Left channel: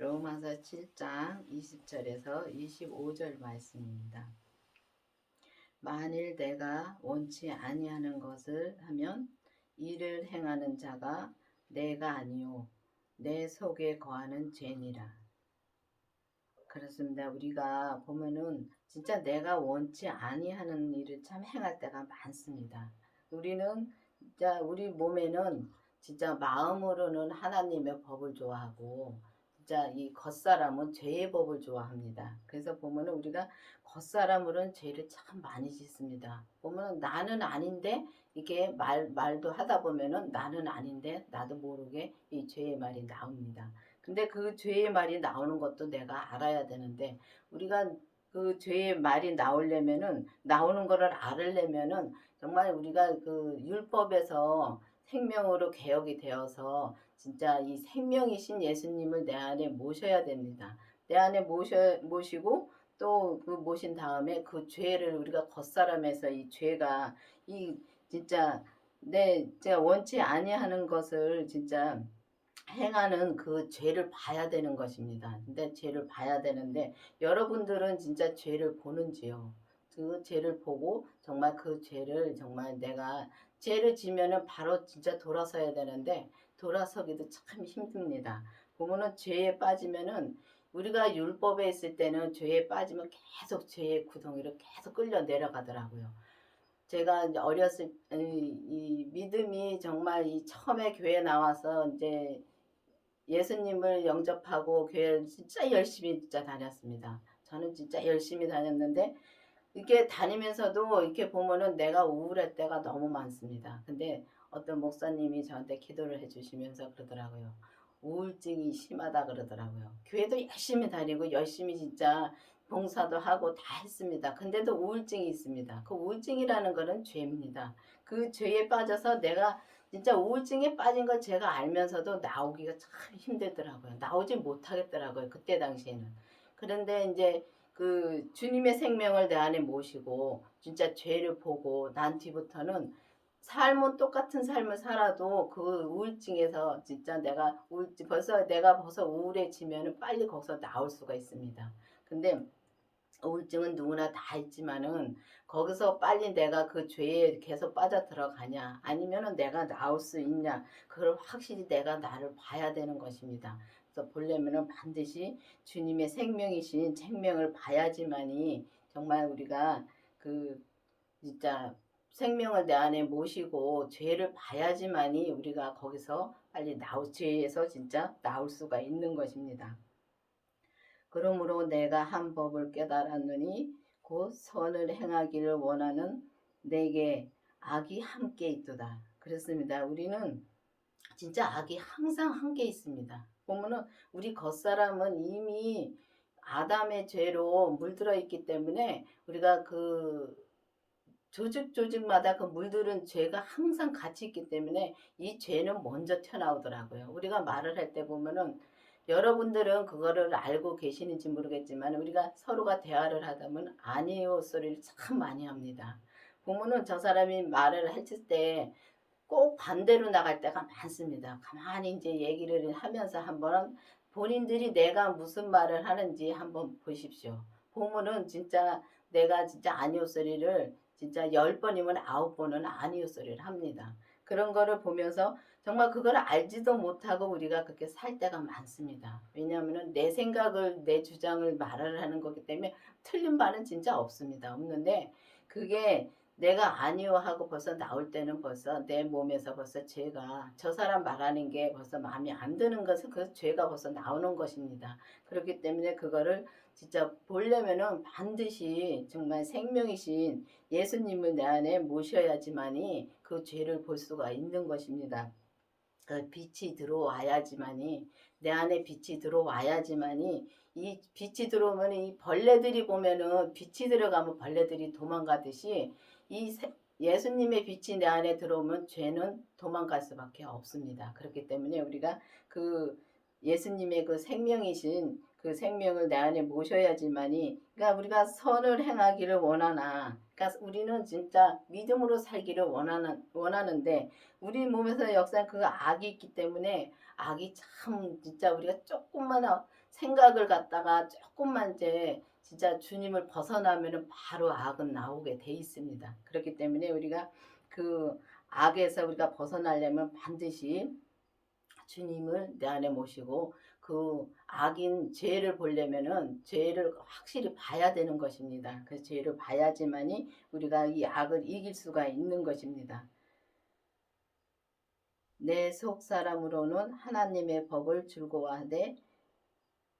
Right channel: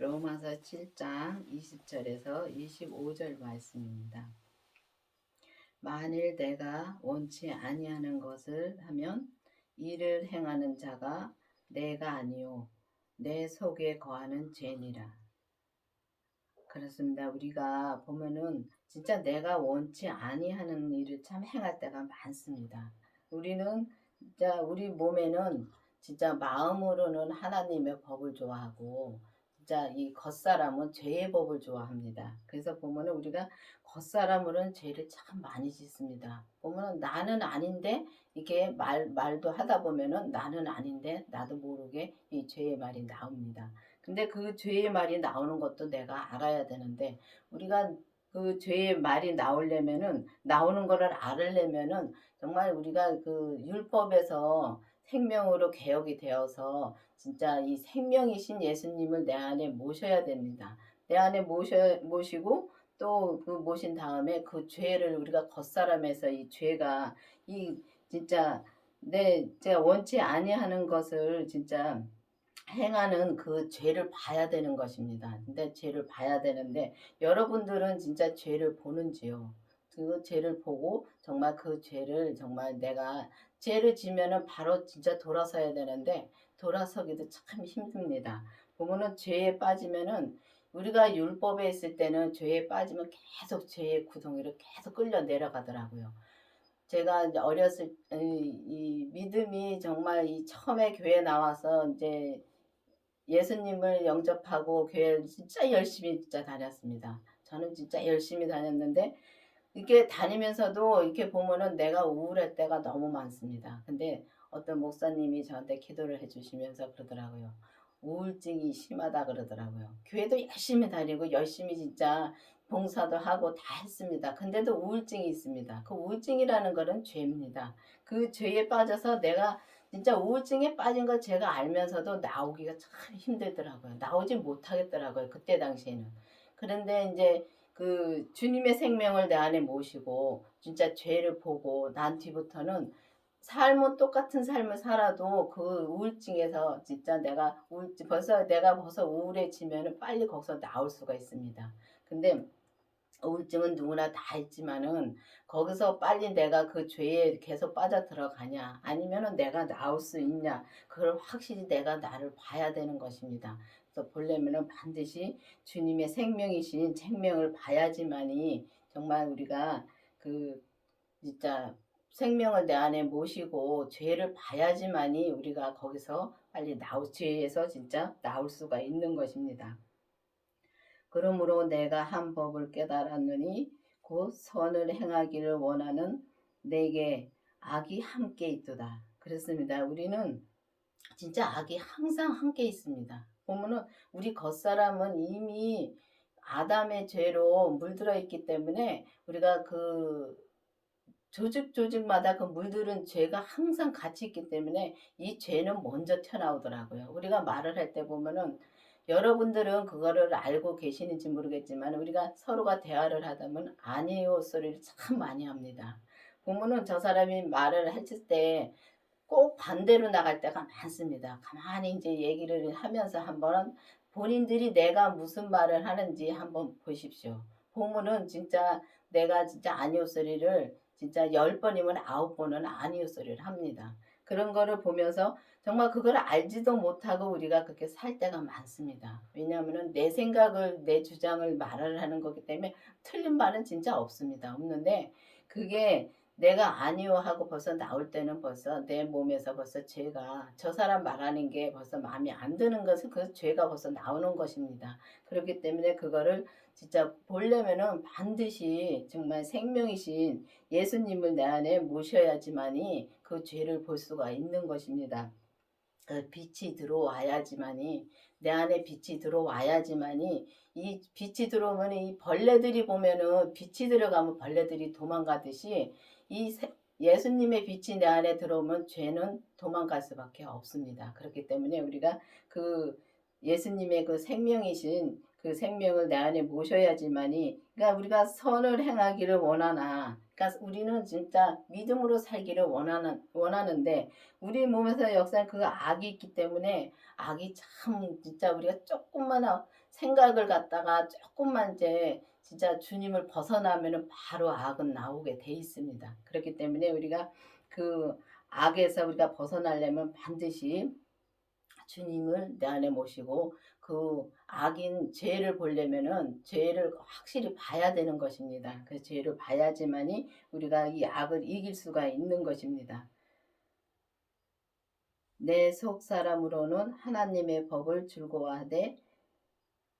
로마서 7장 20절에서 25절 말씀입니다. 만일 내가 원치 아니하는 것을 하면 이를 행하는 자가 내가 아니요 내 속에 거하는 죄니라. 그렇습니다. 우리가 보면은 진짜 내가 원치 아니하는 일을 참 행할 때가 많습니다. 우리는 진짜 우리 몸에는 진짜 마음으로는 하나님의 법을 좋아하고 진짜 이 겉사람은 죄의 법을 좋아합니다. 그래서 보면은 우리가 겉사람으로는 죄를 참 많이 짓습니다. 보면은 나는 아닌데 이게 말도 하다 보면은 나는 아닌데 나도 모르게 이 죄의 말이 나옵니다. 근데 그 죄의 말이 나오는 것도 내가 알아야 되는데 우리가 그 죄의 말이 나오는 거를 알으려면은 정말 우리가 그 율법에서 생명으로 개혁이 되어서 진짜 이 생명이신 예수님을 내 안에 모셔야 됩니다. 내 안에 모시고 또 그 모신 다음에 그 죄를 우리가 겉사람에서 이 죄가 이 진짜 제가 원치 아니하는 것을 진짜 행하는 그 죄를 봐야 되는 것입니다. 근데 죄를 봐야 되는데 여러분들은 진짜 죄를 보는지요? 그 죄를 보고 정말 그 죄를 정말 내가 죄를 지면은 바로 진짜 돌아서야 되는데 돌아서기도 참 힘듭니다. 보면은 죄에 빠지면은 우리가 율법에 있을 때는 죄에 빠지면 계속 죄의 구덩이로 계속 끌려 내려가더라고요. 제가 이제 어렸을 이 믿음이 정말 이 처음에 교회 나와서 이제 예수님을 영접하고 교회를 진짜 열심히 진짜 다녔습니다. 저는 진짜 열심히 다녔는데 이렇게 다니면서도 이렇게 보면은 내가 우울할 때가 너무 많습니다. 근데 어떤 목사님이 저한테 기도를 해주시면서 그러더라고요. 우울증이 심하다 그러더라고요. 교회도 열심히 다니고 열심히 진짜 봉사도 하고 다 했습니다. 근데도 우울증이 있습니다. 그 우울증이라는 거는 죄입니다. 그 죄에 빠져서 내가 진짜 우울증에 빠진 걸 제가 알면서도 나오기가 참 힘들더라고요. 나오지 못하겠더라고요. 그때 당시에는. 그런데 이제 그 주님의 생명을 내 안에 모시고 진짜 죄를 보고 난 뒤부터는 삶은 똑같은 삶을 살아도 그 우울증에서 진짜 내가 벌써 우울해지면은 빨리 거기서 나올 수가 있습니다. 근데 우울증은 누구나 다 있지만은 거기서 빨리 내가 그 죄에 계속 빠져 들어가냐 아니면은 내가 나올 수 있냐 그걸 확실히 내가 나를 봐야 되는 것입니다. 그래서 보려면은 반드시 주님의 생명이신 생명을 봐야지만이 정말 우리가 그 진짜 생명을 내 안에 모시고 죄를 봐야지만이 우리가 거기서 빨리 죄에서 진짜 나올 수가 있는 것입니다. 그러므로 내가 한 법을 깨달았느니 곧 선을 행하기를 원하는 내게 악이 함께 있도다. 그렇습니다. 우리는 진짜 악이 항상 함께 있습니다. 보면은 우리 겉사람은 이미 아담의 죄로 물들어 있기 때문에 우리가 그 조직마다 그 물들은 죄가 항상 같이 있기 때문에 이 죄는 먼저 튀어나오더라고요. 우리가 말을 할 때 보면은 여러분들은 그거를 알고 계시는지 모르겠지만 우리가 서로가 대화를 하다 보면 아니요 소리를 참 많이 합니다. 보면은 저 사람이 말을 했을 때 꼭 반대로 나갈 때가 많습니다. 가만히 이제 얘기를 하면서 한번 본인들이 내가 무슨 말을 하는지 한번 보십시오. 보면은 진짜 내가 진짜 아니요 소리를 진짜 10번이면 9번은 아니요 소리를 합니다. 그런 거를 보면서 정말 그걸 알지도 못하고 우리가 그렇게 살 때가 많습니다. 왜냐하면 내 생각을 내 주장을 말을 하는 거기 때문에 틀린 말은 진짜 없습니다. 없는데 그게 내가 아니요 하고 벌써 나올 때는 벌써 내 몸에서 벌써 죄가 저 사람 말하는 게 벌써 마음에 안 드는 것은 그 죄가 벌써 나오는 것입니다. 그렇기 때문에 그거를 진짜 보려면은 반드시 정말 생명이신 예수님을 내 안에 모셔야지만이 그 죄를 볼 수가 있는 것입니다. 그 빛이 들어와야지만이 내 안에 빛이 들어와야지만이 이 빛이 들어오면 이 벌레들이 보면은 빛이 들어가면 벌레들이 도망가듯이 예수님의 빛이 내 안에 들어오면 죄는 도망갈 수밖에 없습니다. 그렇기 때문에 우리가 그 예수님의 그 생명이신 그 생명을 내 안에 모셔야지만이 그러니까 우리가 선을 행하기를 원하나 그러니까 우리는 진짜 믿음으로 살기를 원하는데 우리 몸에서 역사는 그 악이 있기 때문에 악이 참 진짜 우리가 조금만 생각을 갖다가 조금만 이제 진짜 주님을 벗어나면은 바로 악은 나오게 돼 있습니다. 그렇기 때문에 우리가 그 악에서 우리가 벗어나려면 반드시 주님을 내 안에 모시고 그 악인 죄를 보려면은 죄를 확실히 봐야 되는 것입니다. 그 죄를 봐야지만이 우리가 이 악을 이길 수가 있는 것입니다. 내 속 사람으로는 하나님의 법을 즐거워하되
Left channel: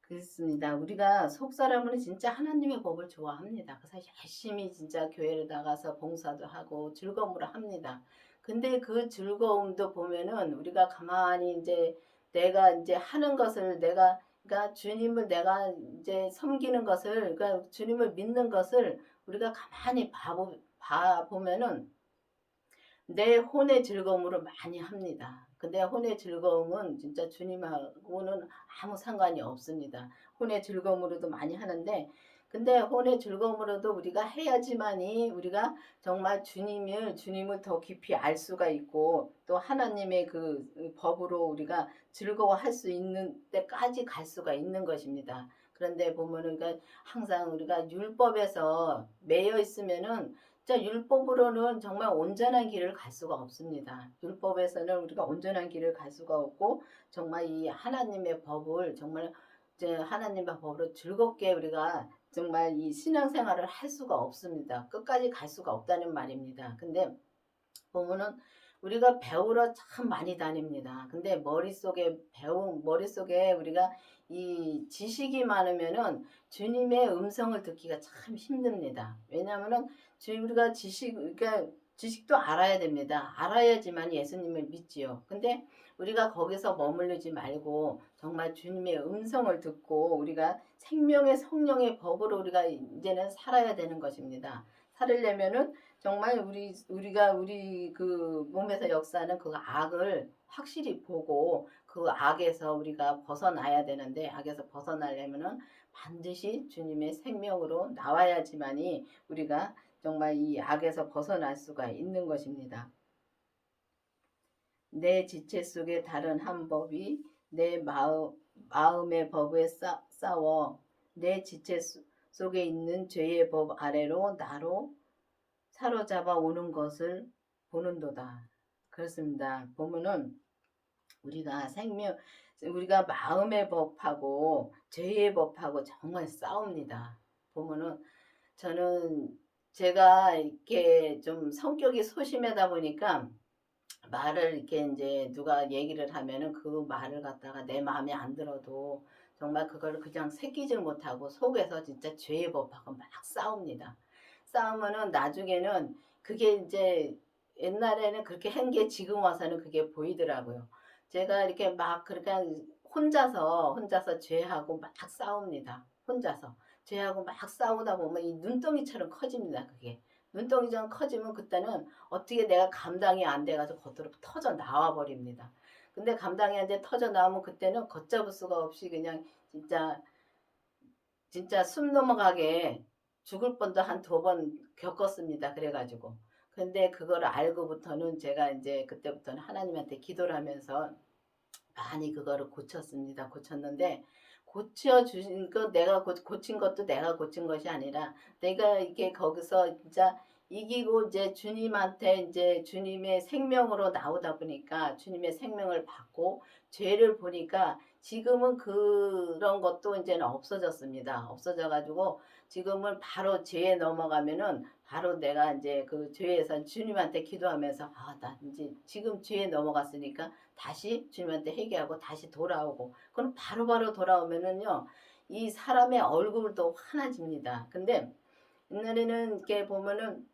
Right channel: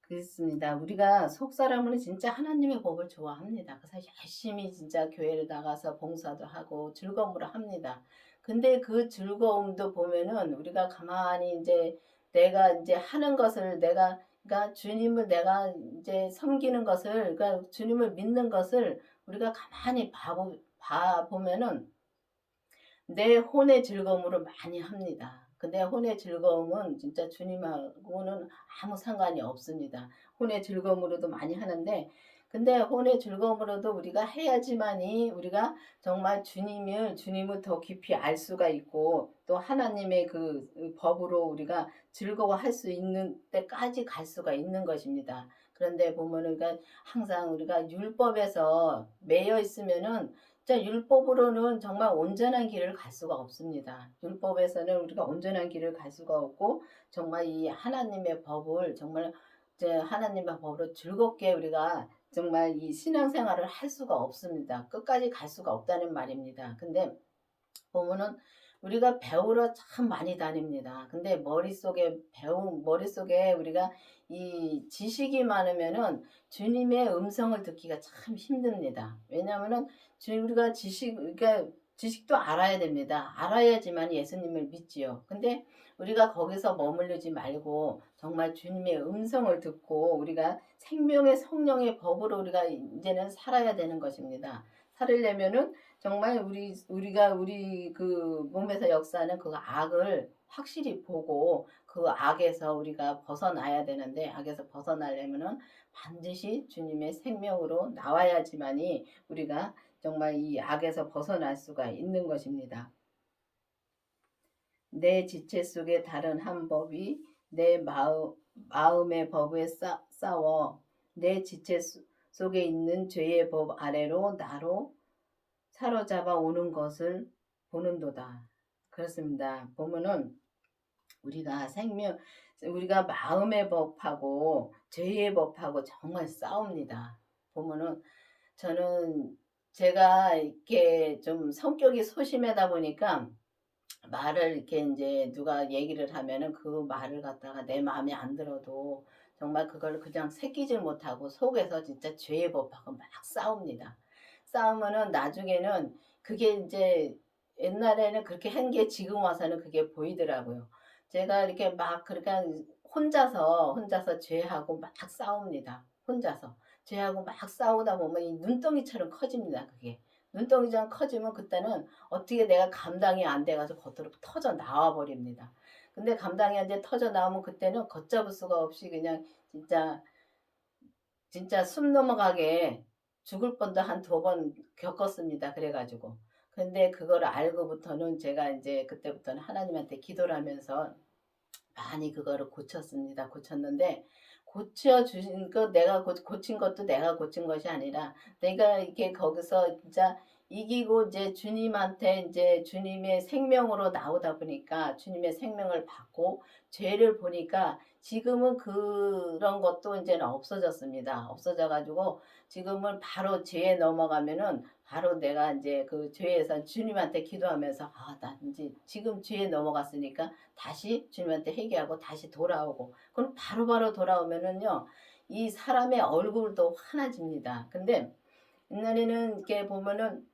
그렇습니다. 우리가 속 사람으로는 진짜 하나님의 법을 좋아합니다. 그래서 열심히 진짜 교회를 나가서 봉사도 하고 즐거움으로 합니다. 근데 그 즐거움도 보면은 우리가 가만히 이제 내가 이제 하는 것을 내가 그러니까 주님을 내가 이제 섬기는 것을 그러니까 주님을 믿는 것을 우리가 가만히 봐 보면은 내 혼의 즐거움으로 많이 합니다. 근데 혼의 즐거움은 진짜 주님하고는 아무 상관이 없습니다. 혼의 즐거움으로도 많이 하는데 근데 혼의 즐거움으로도 우리가 해야지만이 우리가 정말 주님을 더 깊이 알 수가 있고 또 하나님의 그 법으로 우리가 즐거워할 수 있는 때까지 갈 수가 있는 것입니다. 그런데 보면은 그러니까 항상 우리가 율법에서 매여 있으면은 진짜 율법으로는 정말 온전한 길을 갈 수가 없습니다. 율법에서는 우리가 온전한 길을 갈 수가 없고 정말 이 하나님의 법을 정말 이제 하나님의 법으로 즐겁게 우리가 정말 이 신앙생활을 할 수가 없습니다. 끝까지 갈 수가 없다는 말입니다. 근데 보면은 우리가 배우러 참 많이 다닙니다. 근데 머릿속에 우리가 이 지식이 많으면은 주님의 음성을 듣기가 참 힘듭니다. 왜냐하면은 우리가 그러니까 지식도 알아야 됩니다. 알아야지만 예수님을 믿지요. 근데 우리가 거기서 머무르지 말고 정말 주님의 음성을 듣고 우리가 생명의 성령의 법으로 우리가 이제는 살아야 되는 것입니다. 살으려면은 정말 우리가 우리 그 몸에서 역사하는 그 악을 확실히 보고 그 악에서 우리가 벗어나야 되는데 악에서 벗어나려면은 반드시 주님의 생명으로 나와야지만이 우리가 정말 이 악에서 벗어날 수가 있는 것입니다. 내 지체 속에 다른 한 법이 내 마음의 법에 싸워 내 지체 속에 있는 죄의 법 아래로 나로 사로잡아 오는 것을 보는도다. 그렇습니다. 보면은 우리가 마음의 법하고 죄의 법하고 정말 싸웁니다. 보면은 저는 제가 이렇게 좀 성격이 소심하다 보니까 말을 이렇게 이제 누가 얘기를 하면은 그 말을 갖다가 내 마음에 안 들어도 정말 그걸 그냥 새기질 못하고 속에서 진짜 죄의 법하고 막 싸웁니다. 싸우면은 나중에는 그게 이제 옛날에는 그렇게 한 게 지금 와서는 그게 보이더라고요. 제가 이렇게 막 그렇게 혼자서 죄하고 막 싸웁니다. 혼자서. 죄하고 막 싸우다 보면 이 눈덩이처럼 커집니다. 그게. 눈덩이처럼 커지면 그때는 어떻게 내가 감당이 안 돼가지고 겉으로 터져 나와 버립니다. 근데 감당이 안 돼 터져 나오면 그때는 걷잡을 수가 없이 그냥 진짜 숨 넘어가게 죽을 뻔도 한 2번 겪었습니다. 그래가지고. 근데 그걸 알고부터는 제가 이제 그때부터는 하나님한테 기도를 하면서 많이 그거를 고쳤습니다. 고쳤는데 고쳐주신 거 내가 고친 것도 내가 고친 것이 아니라 내가 이렇게 거기서 진짜 이기고 이제 주님한테 이제 주님의 생명으로 나오다 보니까 주님의 생명을 받고 죄를 보니까 지금은 그런 것도 이제는 없어졌습니다. 없어져가지고 지금은 바로 죄에 넘어가면은 바로 내가 이제 그 죄에서 주님한테 기도하면서 나 이제 지금 죄에 넘어갔으니까 다시 주님한테 회개하고 다시 돌아오고 그럼 바로바로 돌아오면은요 이 사람의 얼굴도 환해집니다. 근데 옛날에는 이렇게 보면은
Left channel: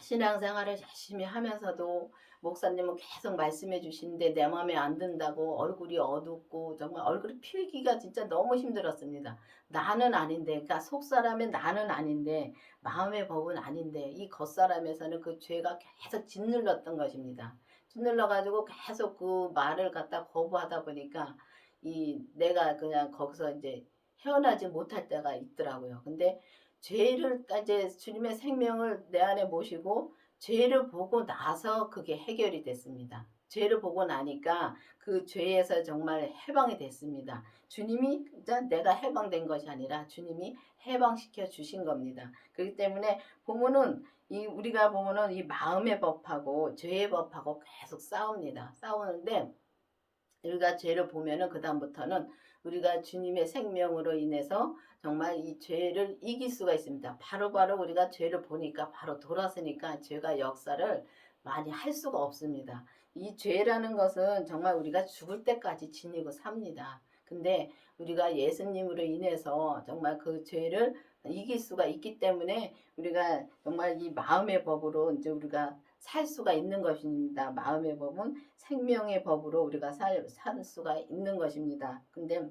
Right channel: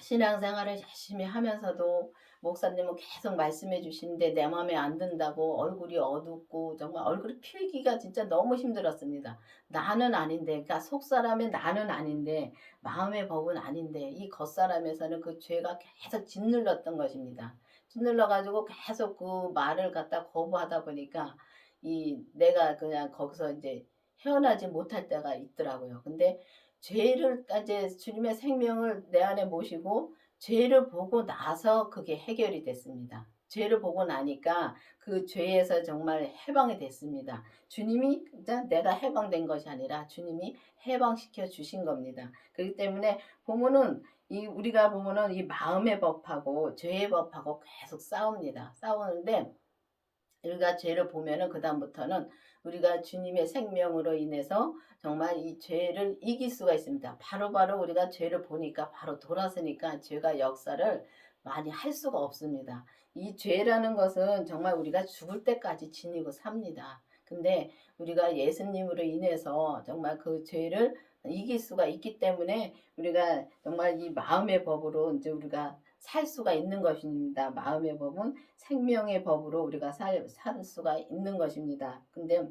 신앙생활을 열심히 하면서도 목사님은 계속 말씀해 주시는데 내 마음에 안 든다고 얼굴이 어둡고 정말 얼굴이 피우기가 진짜 너무 힘들었습니다. 나는 아닌데 그러니까 속사람의 나는 아닌데 마음의 법은 아닌데 이 겉사람에서는 그 죄가 계속 짓눌렀던 것입니다. 짓눌러 가지고 계속 그 말을 갖다 거부하다 보니까 이 내가 그냥 거기서 이제 헤어나지 못할 때가 있더라고요. 근데 죄를 이제 주님의 생명을 내 안에 모시고 죄를 보고 나서 그게 해결이 됐습니다. 죄를 보고 나니까 그 죄에서 정말 해방이 됐습니다. 주님이 진짜 내가 해방된 것이 아니라 주님이 해방시켜 주신 겁니다. 그렇기 때문에 보면은 이 우리가 보면은 이 마음의 법하고 죄의 법하고 계속 싸웁니다. 싸우는데 우리가 죄를 보면은 그다음부터는 우리가 주님의 생명으로 인해서 정말 이 죄를 이길 수가 있습니다. 바로바로 우리가 죄를 보니까 바로 돌아서니까 죄가 역사를 많이 할 수가 없습니다. 이 죄라는 것은 정말 우리가 죽을 때까지 지니고 삽니다. 근데 우리가 예수님으로 인해서 정말 그 죄를 이길 수가 있기 때문에 우리가 정말 이 마음의 법으로 이제 우리가 살 수가 있는 것입니다. 마음의 법은 생명의 법으로 우리가 살 수가 있는 것입니다. 근데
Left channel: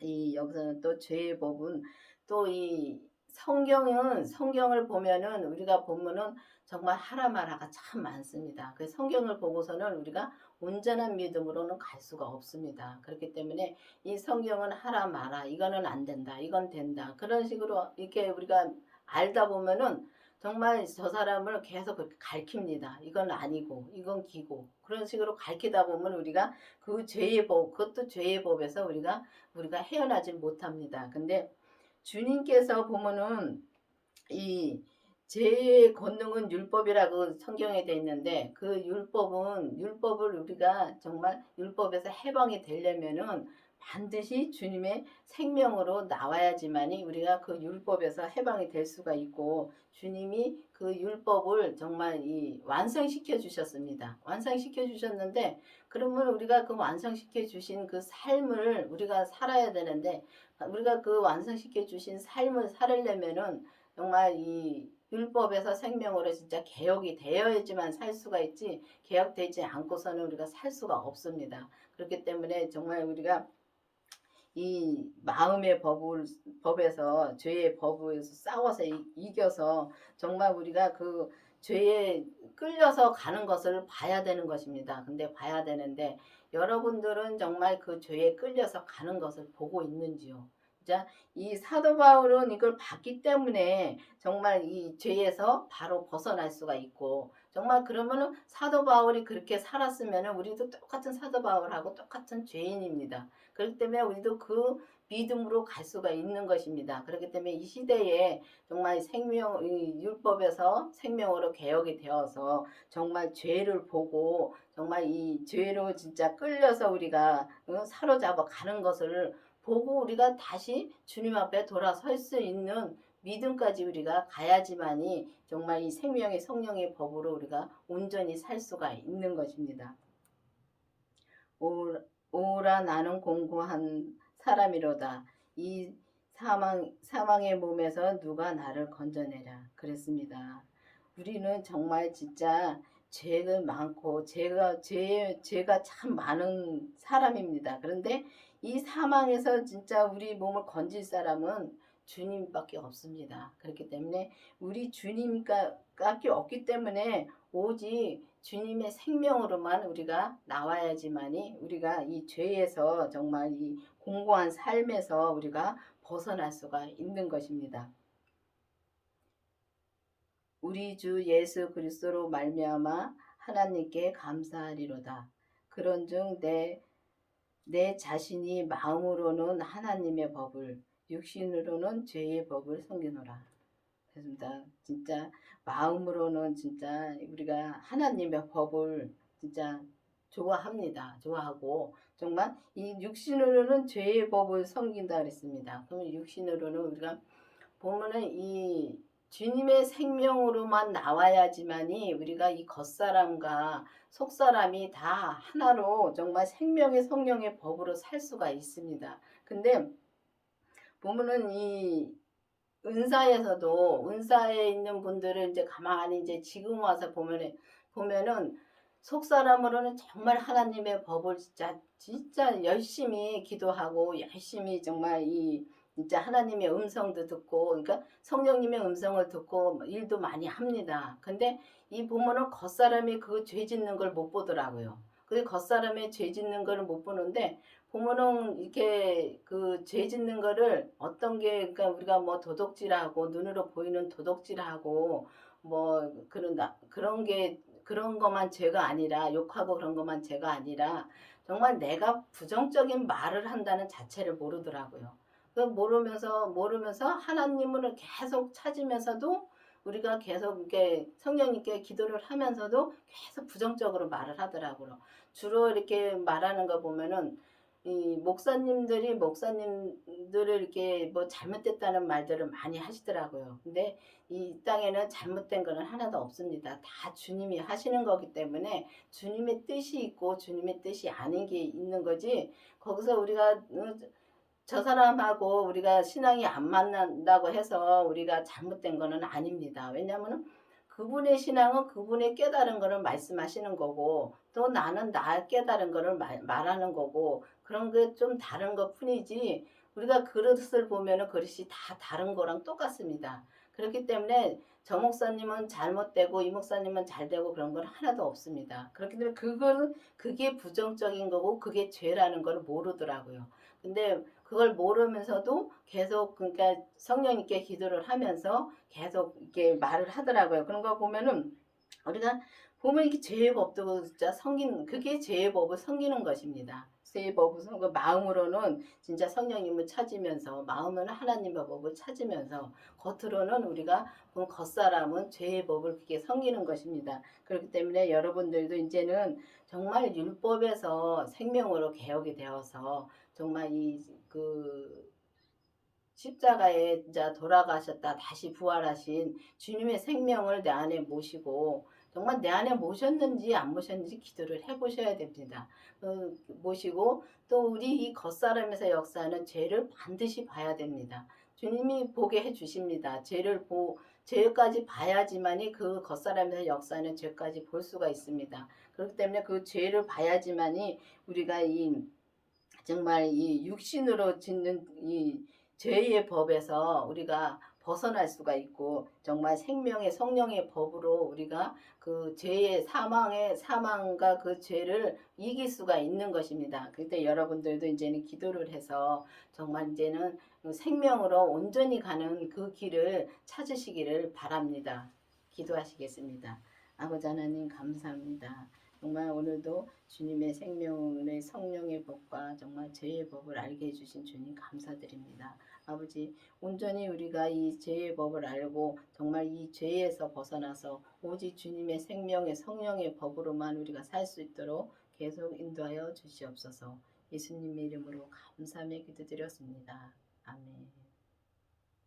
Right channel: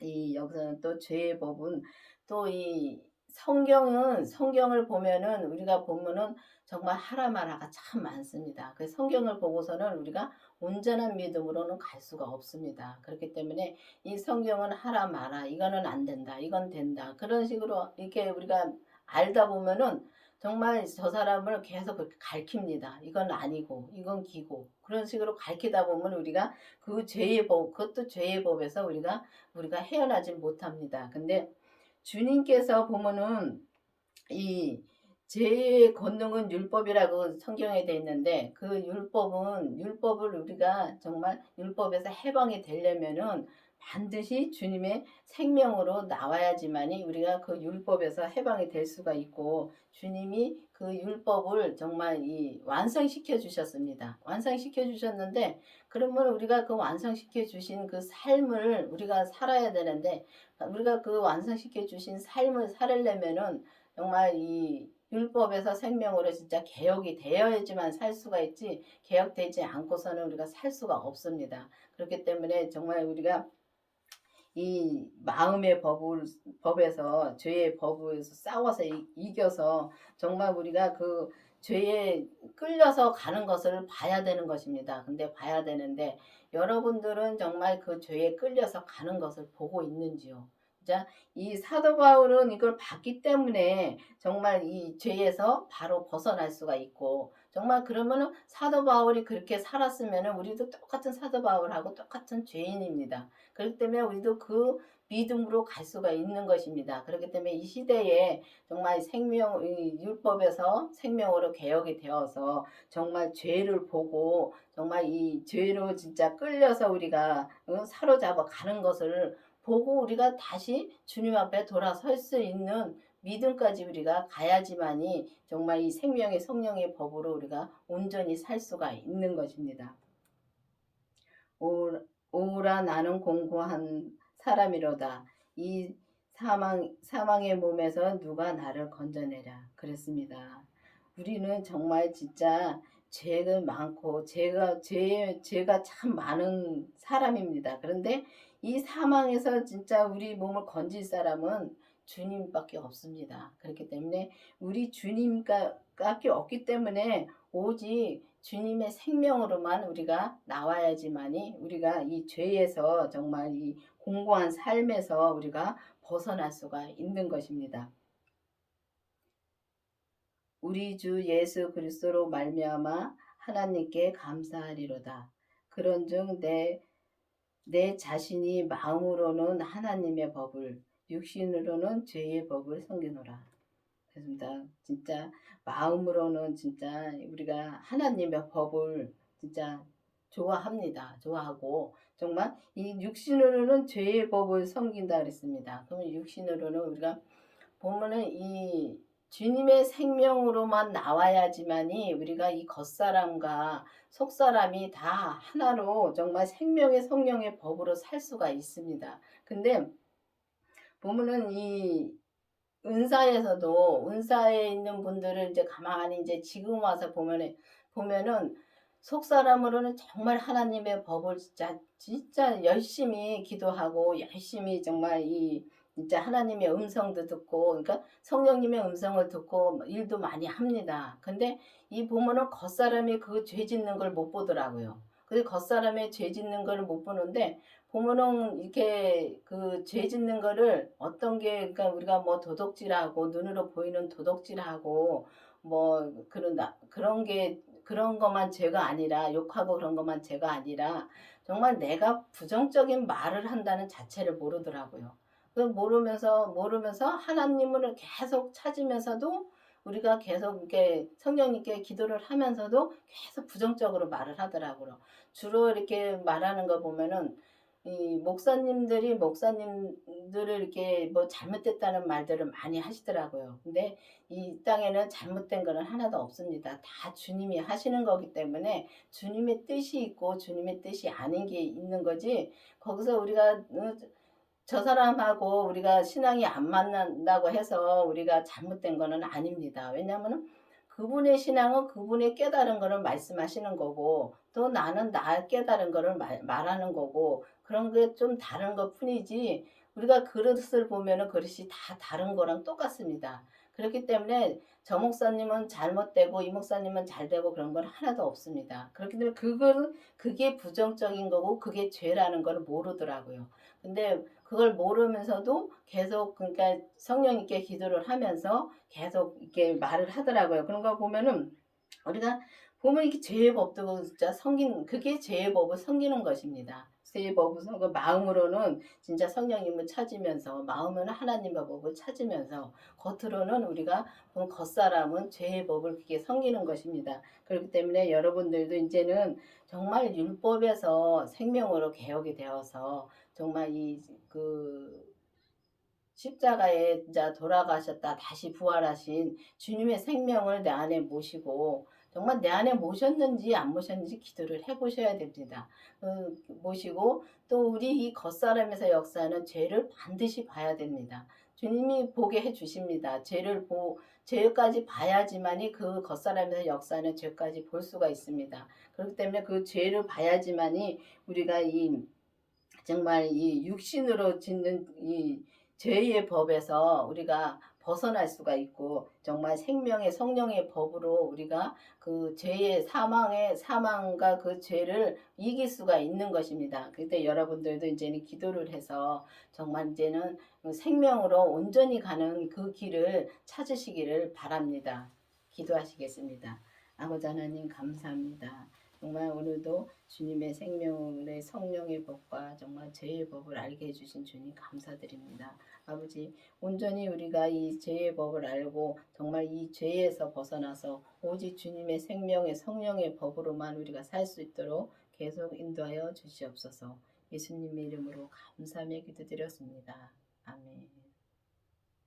이 여기서는 또 죄의 법은 또 이 성경을 보면은 우리가 보면은 정말 하라 마라가 참 많습니다. 그 성경을 보고서는 우리가 온전한 믿음으로는 갈 수가 없습니다. 그렇기 때문에 이 성경은 하라 마라 이거는 안 된다 이건 된다 그런 식으로 이렇게 우리가 알다 보면은 정말 저 사람을 계속 그렇게 가르칩니다. 이건 아니고 이건 기고 그런 식으로 가르치다 보면 우리가 그 죄의 법 그것도 죄의 법에서 우리가 헤어나지 못합니다. 근데 주님께서 보면은 이 죄의 권능은 율법이라고 성경에 돼 있는데 그 율법을 우리가 정말 율법에서 해방이 되려면은 반드시 주님의 생명으로 나와야지만이 우리가 그 율법에서 해방이 될 수가 있고 주님이 그 율법을 정말 이 완성시켜 주셨습니다. 완성시켜 주셨는데 그러면 우리가 그 완성시켜 주신 그 삶을 우리가 살아야 되는데 우리가 그 완성시켜 주신 삶을 살려면은 정말 이 율법에서 생명으로 진짜 개혁이 되어야지만 살 수가 있지 개혁되지 않고서는 우리가 살 수가 없습니다. 그렇기 때문에 정말 우리가 이 마음의 법에서 죄의 법에서 싸워서 이겨서 정말 우리가 그 죄에 끌려서 가는 것을 봐야 되는 것입니다. 근데 봐야 되는데 여러분들은 정말 그 죄에 끌려서 가는 것을 보고 있는지요? 자, 이 사도 바울은 이걸 봤기 때문에 정말 이 죄에서 바로 벗어날 수가 있고 정말 그러면은 사도 바울이 그렇게 살았으면은 우리도 똑같은 사도 바울하고 똑같은 죄인입니다. 그렇기 때문에 우리도 그 믿음으로 갈 수가 있는 것입니다. 그렇기 때문에 이 시대에 정말 율법에서 생명으로 개혁이 되어서 정말 죄를 보고 정말 이 죄로 진짜 끌려서 우리가 사로잡아 가는 것을 보고 우리가 다시 주님 앞에 돌아설 수 있는 믿음까지 우리가 가야지만이 정말 이 생명의 성령의 법으로 우리가 온전히 살 수가 있는 것입니다. 오라 나는 공고한 사람이로다. 이 사망의 몸에서 누가 나를 건져내랴. 그랬습니다. 우리는 정말 진짜 죄는 많고 죄가 참 많은 사람입니다. 그런데 이 사망에서 진짜 우리 몸을 건질 사람은 주님밖에 없습니다. 그렇기 때문에 우리 주님밖에 없기 때문에 오직 주님의 생명으로만 우리가 나와야지만이 우리가 이 죄에서 정말 이 공고한 삶에서 우리가 벗어날 수가 있는 것입니다. 우리 주 예수 그리스도로 말미암아 하나님께 감사하리로다. 그런즉 내 자신이 마음으로는 하나님의 법을 육신으로는 죄의 법을 섬기노라. 그렇습니다. 진짜 마음으로는 진짜 우리가 하나님의 법을 진짜 좋아합니다. 좋아하고 정말 이 육신으로는 죄의 법을 섬긴다 그랬습니다. 그러면 육신으로는 우리가 보면은 이 주님의 생명으로만 나와야지만이 우리가 이 겉사람과 속사람이 다 하나로 정말 생명의 성령의 법으로 살 수가 있습니다. 근데 보면은 이 은사에 있는 분들을 이제 가만히 이제 지금 와서 보면은 속 사람으로는 정말 하나님의 법을 진짜 열심히 기도하고 열심히 정말 이 진짜 하나님의 음성도 듣고 그러니까 성령님의 음성을 듣고 일도 많이 합니다. 근데 이 보면은 겉사람이 그 죄 짓는 걸 못 보더라고요. 근데 겉사람의 죄 짓는 걸 못 보는데 보면은 이렇게 그 죄 짓는 거를 어떤 게 그러니까 우리가 뭐 도둑질하고 눈으로 보이는 도둑질하고 뭐 그런 게 그런 것만 죄가 아니라 욕하고 그런 것만 죄가 아니라 정말 내가 부정적인 말을 한다는 자체를 모르더라고요. 그 모르면서 하나님을 계속 찾으면서도 우리가 계속 이렇게 성령님께 기도를 하면서도 계속 부정적으로 말을 하더라고요. 주로 이렇게 말하는 거 보면은 이 목사님들을 이렇게 뭐 잘못됐다는 말들을 많이 하시더라고요. 근데 이 땅에는 잘못된 거는 하나도 없습니다. 다 주님이 하시는 거기 때문에 주님의 뜻이 있고 주님의 뜻이 아닌 게 있는 거지. 거기서 우리가 저 사람하고 우리가 신앙이 안 맞는다고 해서 우리가 잘못된 거는 아닙니다. 왜냐하면 그분의 신앙은 그분의 깨달은 거를 말씀하시는 거고 또 나는 나 깨달은 거를 말하는 거고 그런 게 좀 다른 것 뿐이지 우리가 그릇을 보면은 그릇이 다 다른 거랑 똑같습니다. 그렇기 때문에 저 목사님은 잘못되고 이 목사님은 잘되고 그런 건 하나도 없습니다. 그렇기 때문에 그게 부정적인 거고 그게 죄라는 걸 모르더라고요. 근데 그걸 모르면서도 계속 그러니까 성령님께 기도를 하면서 계속 이렇게 말을 하더라고요. 그런 거 보면은 우리가 보면 이게 죄의 법도 진짜 섬기는 그게 죄의 법을 섬기는 것입니다. 죄의 법을 그 마음으로는 진짜 성령님을 찾으면서 마음은 하나님의 법을 찾으면서 겉으로는 우리가 겉사람은 죄의 법을 그게 섬기는 것입니다. 그렇기 때문에 여러분들도 이제는 정말 율법에서 생명으로 개혁이 되어서 정말 그 십자가에 진짜 돌아가셨다 다시 부활하신 주님의 생명을 내 안에 모시고 정말 내 안에 모셨는지 안 모셨는지 기도를 해보셔야 됩니다. 모시고 또 우리 이 겉사람에서 역사하는 죄를 반드시 봐야 됩니다. 주님이 보게 해주십니다. 죄까지 봐야지만이 그 겉사람에서 역사하는 죄까지 볼 수가 있습니다. 그렇기 때문에 그 죄를 봐야지만이 우리가 정말 이 육신으로 짓는 이 죄의 법에서 우리가 벗어날 수가 있고 정말 생명의 성령의 법으로 우리가 그 죄의 사망과 그 죄를 이길 수가 있는 것입니다. 그때 여러분들도 이제는 기도를 해서 정말 이제는 생명으로 온전히 가는 그 길을 찾으시기를 바랍니다. 기도하시겠습니다. 아버지 하나님 감사합니다. 정말 오늘도 주님의 생명의 성령의 법과 정말 죄의 법을 알게 해주신 주님 감사드립니다. 아버지 온전히 우리가 이 죄의 법을 알고 정말 이 죄에서 벗어나서 오직 주님의 생명의 성령의 법으로만 우리가 살 수 있도록 계속 인도하여 주시옵소서. 예수님의 이름으로 감사하며 기도드렸습니다. 아멘.